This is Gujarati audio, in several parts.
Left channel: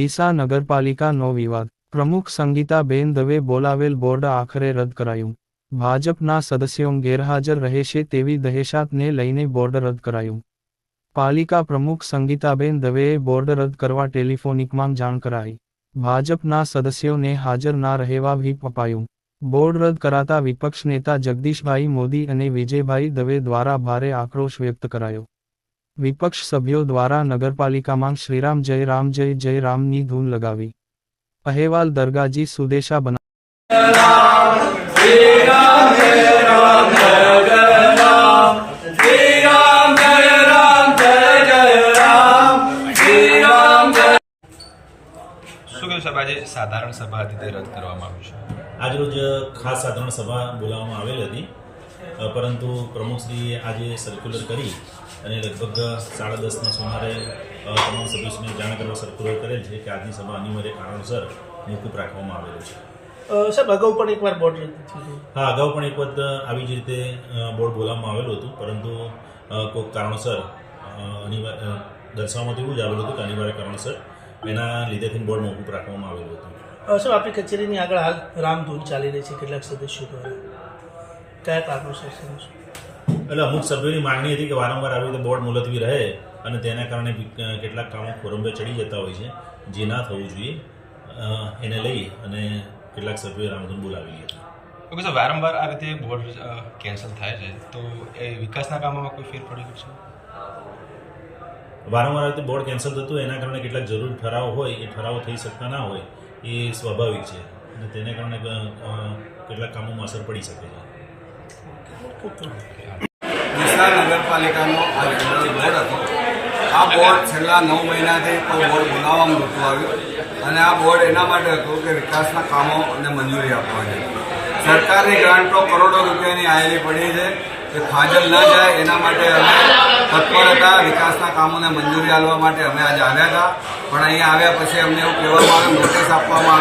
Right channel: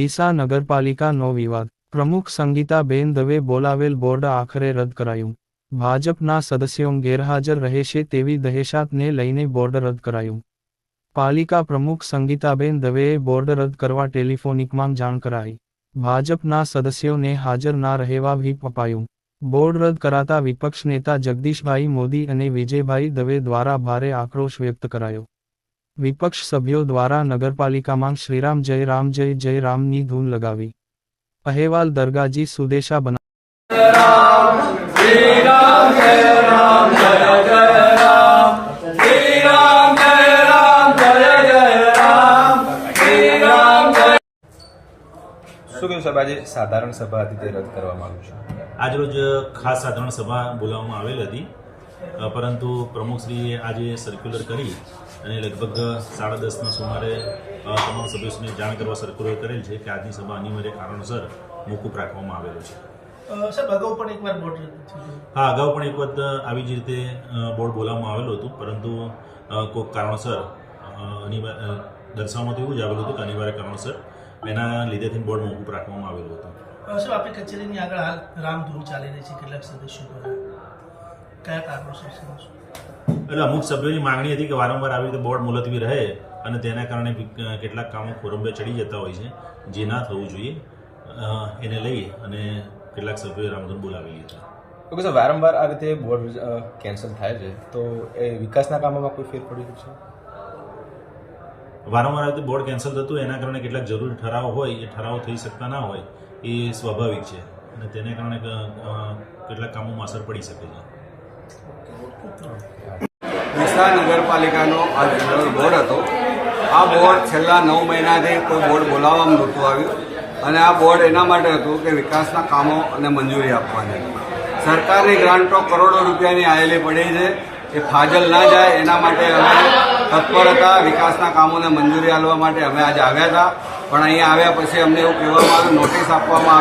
ડીસા નગરપાલિકાનો વિવાદ. પ્રમુખ સંગીતાબેન દવે બોલાવેલ બોર્ડ આખરે રદ કરાયું. ભાજપના સદસ્યો ગેરહાજર રહેશે તેવી દહેશતને લઈને બોર્ડ રદ કરાયું. પાલિકા પ્રમુખ સંગીતાબેન દવેએ બોર્ડ રદ કરવા ટેલિફોનિકમાં જાણ કરાઈ. ભાજપના સદસ્યોને હાજર ના રહેવા વ્હીપ અપાયું. બોર્ડ રદ કરાતા વિપક્ષ નેતા જગદીશભાઈ મોદી અને વિજયભાઈ દવે દ્વારા ભારે આક્રોશ વ્યક્ત કરાયો. વિપક્ષ સભ્યો દ્વારા નગરપાલિકામાં શ્રીરામ જય રામની ધૂન લગાવી. અહેવાલ દરગાજી સુદેશા બના. શું કહ્યું સાહેબ, આજે સાધારણ સભા હતી તે રદ કરવામાં આવ્યું છે? આજરોજ ખાસ સાધારણ સભા બોલાવવામાં આવેલી હતી, પરંતુ પ્રમુખશ્રીએ આજે સર્ક્યુલર કરી અને લગભગ 10:30ના સુમારે તમામ સભ્યોને જાણ કરવા સર્ક્યુલર કરેલ છે કે આજની સભા અનિવાર્ય કારણોસર મોકૂફ રાખવામાં આવેલું છે. સાહેબ, અગાઉ પણ એકવાર બોર્ડ રદ થયું? હા, અગાઉ પણ એક વખત આવી જ રીતે બોર્ડ બોલાવવામાં આવેલું હતું, પરંતુ કોઈક કારણોસર દર્શાવવામાં એવું જ આવેલું હતું કે અનિવાર્ય કારણોસર એના લીધેથી બોર્ડ મોકૂફ રાખવામાં આવેલું હતું. સાહેબ, આપણી કચેરીની આગળ હાલ રામધૂન ચાલી રહી છે કેટલાક સદસ્યો દ્વારા, કયા કારણોસર? એટલે અમુક સભ્યોની માંગણી હતી કે વારંવાર આવી રીતે બોર્ડ મુલતવી રહે અને તેના કારણે કેટલાક કામો ખોરંભે ચડી જતા હોય છે, જે ના થવું જોઈએ. એને લઈ અને કેટલાક સભ્યોએ રામધૂન બોલાવેલી હતી. ઓકે સર, વારંવાર આ રીતે બોર્ડ કેન્સલ થાય છે તો એ વિકાસના કામોમાં કોઈ ફેર પડી છે? વારંવાર આવી રીતે બોર્ડ કેન્સલ થતું એના કારણે કેટલાક જરૂરી ઠરાવો હોય એ ઠરાવો થઈ શકતા ના હોય, એ સ્વાભાવિક છે અને તેને કારણે કેટલાક કામોમાં અસર પડી શકે છે. ડીસા નગરપાલિકાનો આ જનરલ બોર્ડ હતો. આ બોર્ડ છેલ્લા 9 મહિનાથી કોઈ બોર્ડ બોલાવવામાં નહોતું આવ્યું અને આ બોર્ડ એના માટે હતું કે વિકાસના કામોને મંજૂરી આપવાની. સરકારની ગ્રાન્ટો કરોડો રૂપિયાની આવેલી પડી છે, એ ફાજલ ના જાય એના માટે અમે તત્પર હતા. વિકાસના કામોને મંજૂરી આપવા માટે અમે આજે આવ્યા હતા, પણ અહીંયા આવ્યા પછી અમને એવું કહેવામાં આવ્યું, નોટિસ આપવામાં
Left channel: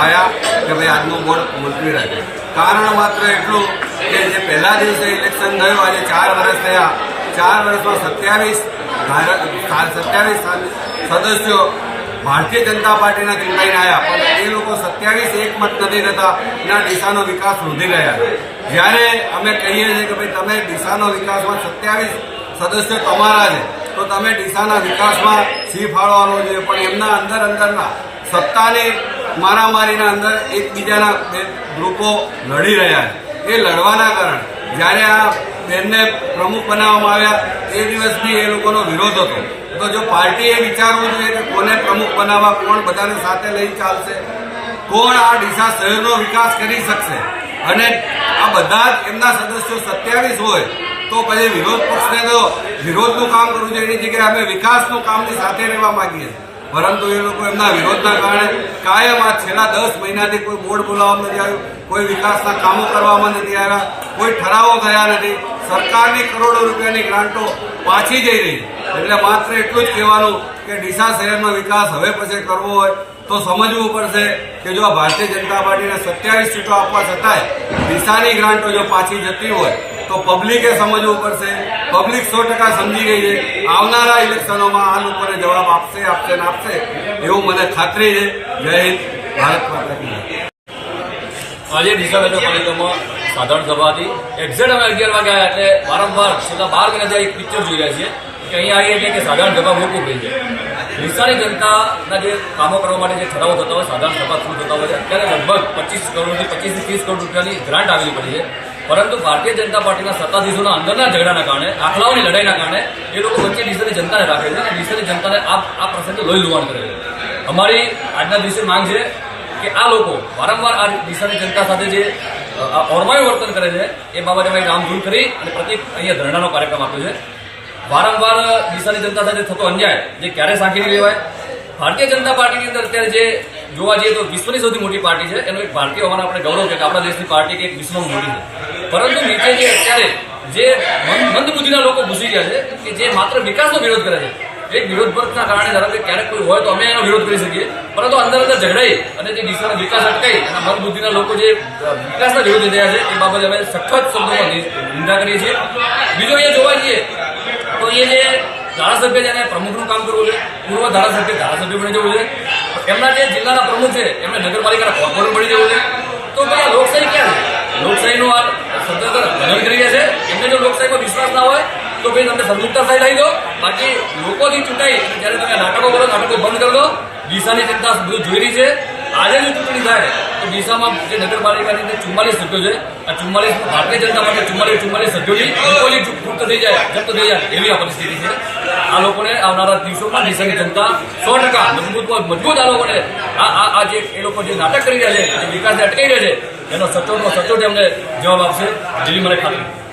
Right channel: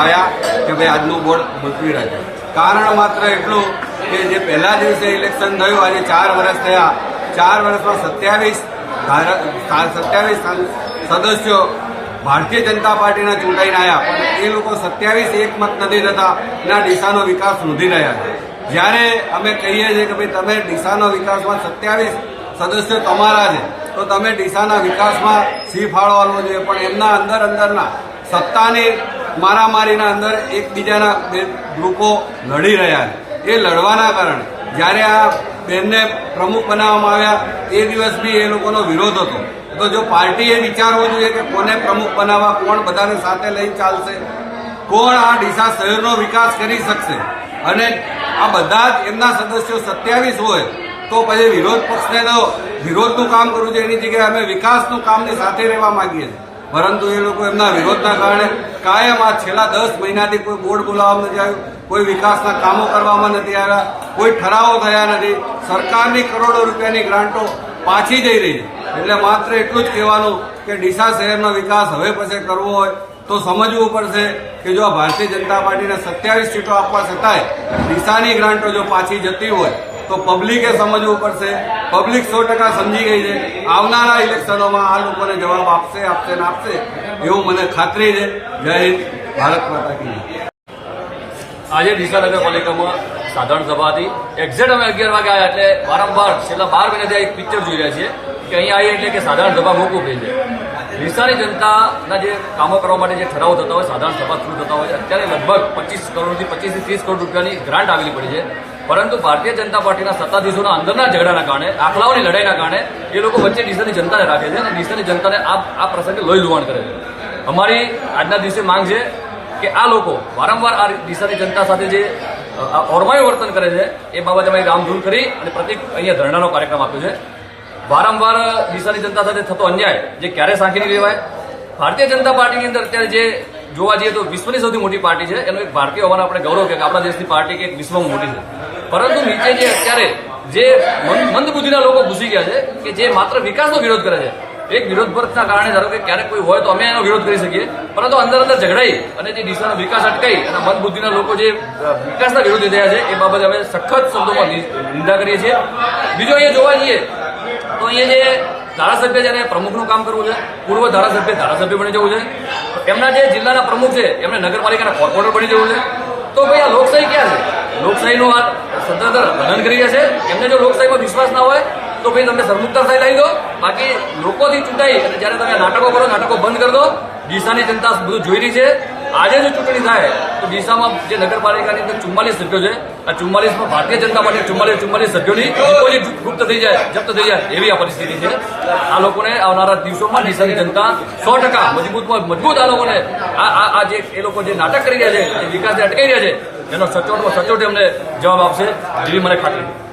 આવ્યા કે ભાઈ આજનો બોર્ડ મુલતવી રાખે. કારણ માત્ર એટલું કે જે પહેલા દિવસે ઇલેક્શન થયું, આજે 4 વર્ષ થયા, 4 વર્ષમાં 27 સદસ્યો ભારતીય જનતા પાર્ટીના ચૂંટાઈને આવ્યા, પણ એ લોકો 27 એકમત નથી થતા એના ડીસાનો વિકાસ વૃદ્ધિ રહ્યા છે. જ્યારે અમે કહીએ છીએ કે ભાઈ તમે ડીસાનો વિકાસમાં 27 સદસ્યો તમારા છે તો તમે ડીસાના વિકાસમાં સી ફાળો આપવો જોઈએ, પણ એમના અંદરના સત્તાની મારામારીના અંદર એકબીજાના બે ગ્રુપો લડી રહ્યા છે. એ લડવાના કારણે જ્યારે આ બેનને પ્રમુખ બનાવવામાં આવ્યા એ દિવસ બી એ લોકોનો વિરોધ હતો. તો જો પાર્ટીએ વિચારવું જોઈએ કે કોને પ્રમુખ બનાવવા, કોણ બધાને સાથે લઈ ચાલશે, કોણ આ ડીસા શહેરનો વિકાસ કરી શકશે, અને આ બધા જ એમના સદસ્યો 27 હોય તો પછી વિરોધ પક્ષને તો વિરોધનું કામ કરવું જોઈએ. એની જગ્યાએ અમે વિકાસનું કામની સાથે રહેવા માંગીએ છીએ, પરંતુ એ લોકો એમના વિરોધના કારણે કાયમ આ છેલ્લા 10 મહિનાથી કોઈ બોર્ડ બોલાવવામાં નથી આવ્યું, કોઈ વિકાસના કામો કરવામાં નથી આવ્યા, કોઈ ઠરાવો થયા નથી. સરકારની કરોડો રૂપિયાની ગ્રાન્ટો પાછી જઈ રહી છે. એટલે માત્ર એટલું જ કહેવાનું કે ડીસા શહેરનો વિકાસ હવે પછી કરવો હોય તો સમજવું પડશે કે જો આ ભારતીય જનતા પાર્ટીને 27 સીટો આપવા છતાંય ડીસાની ગ્રાન્ટો જો પાછી જતી હોય તો પબ્લિકે સમજવું પડશે. પબ્લિક 100% સમજી ગઈ છે. આવનારા ઇલેક્શનોમાં આ લોકોને જવાબ આપશે એવું મને ખાતરી છે. જય હિન્દ, ભારત માતા કી જય. આજે ડીસા નગરપાલિકામાં સાધારણ સભા હતી. એક્ઝેક્ટ અમે 11 વાગે આવ્યા, એટલે વારંવાર છેલ્લા 12 મહિનાથી એક પિક્ચર જોઈ રહ્યા છીએ કે અહીંયા આવી એટલે કે સાધારણ સભા મોકૂફ રહી છે. ડીસાની જનતાના જે કામો કરવા માટે જે ઠરાવો થતા હોય, સાધારણ સભા થ્રુ થતા હોય છે. અત્યારે લગભગ 25 કરોડથી 30 કરોડ રૂપિયાની ગ્રાન્ટ આવેલી પડી છે, પરંતુ ભારતીય જનતા પાર્ટીના સત્તાધીશોના અંદરના ઝઘડાના કારણે, આંકડાઓની લડાઈના કારણે એ લોકો વચ્ચે ડીસાની જનતાને રાખે છે અને ડીસાની જનતાને આ પ્રસંગે લોહી લુહાણ કરે છે. અમારી આજના દિવસે માંગ છે કે આ લોકો વારંવાર આ ડીસાની જનતા સાથે જે ઓરમાયું વર્તન કરે છે એ બાબતે અમે રામધૂન કરી અને પ્રતિક અહીંયા ધરણાનો કાર્યક્રમ આપ્યો છે. વારંવાર ડીસાની જનતા સાથે થતો અન્યાય જે ક્યારે સાંખી નહીં લેવાય. ભારતીય જનતા પાર્ટીની અંદર અત્યારે જે જોવા જઈએ તો વિશ્વની સૌથી મોટી પાર્ટી છે, એનો એક ભારતીય હોવાનો આપણે ગૌરવ કે આપણા દેશની પાર્ટી કે એક વિશ્વમાં મોટી છે, પરંતુ નીચે જે અત્યારે જે મંદબુદ્ધિના લોકો ઘૂસી ગયા છે કે જે માત્ર વિકાસનો વિરોધ કરે છે. એક વિરોધ પક્ષના કારણે ધારો કે ક્યારેક કોઈ હોય તો અમે એનો વિરોધ કરી શકીએ, પરંતુ અંદર ઝઘડાઈ અને જે ડીસાનો વિકાસ અટકાઈ એના મંદબુદ્ધિના લોકો જે વિકાસના વિરોધી થયા છે એ બાબતે અમે સખત શબ્દોમાં નિંદા કરીએ છીએ. બીજો અહીંયા જોવા જઈએ તો અહીંયા જે ધારાસભ્ય છે એને પ્રમુખનું કામ કરવું છે, પૂર્વ ધારાસભ્ય બની જવું છે. એમના જે જિલ્લાના પ્રમુખ છે એમને નગરપાલિકાના કોર્પોરેટર બની જવું છે. તો ભાઈ આ લોકશાહી ક્યાં છે? લોકશાહીનું આ સ્વતંત્ર હનન કરી રહ્યા છે. એમને જો લોકશાહીમાં વિશ્વાસ ના હોય તો ભાઈ તમને સરમુખત્યાર થઈ દો. બાકી લોકોથી ચૂંટાઈ અને જ્યારે તમે નાટકો કરો, નાટકો બંધ કરી દો. ડીસાની જનતા બધું જોઈ રહી છે. આજે જો ચૂંટણી થાય તો ડીસામાં જે નગરપાલિકાની અંદર 44 સભ્યો છે, આ 44માં ભારતીય જનતા માટે 44 સભ્યોની ડિપોઝિટ ગુપ્ત થઈ જાય, જપ્ત થઈ જાય એવી આ પરિસ્થિતિ છે. આ લોકોને આવનારા દિવસોમાં ડીસાની જનતા 100% મજબૂત આ લોકોને આ જે એ લોકો જે નાટક કરી રહ્યા છે, જે વિકાસને અટકાઈ રહ્યા છે, એનો સચોટ એમને જવાબ આપશે જેવી મને ખાતરી.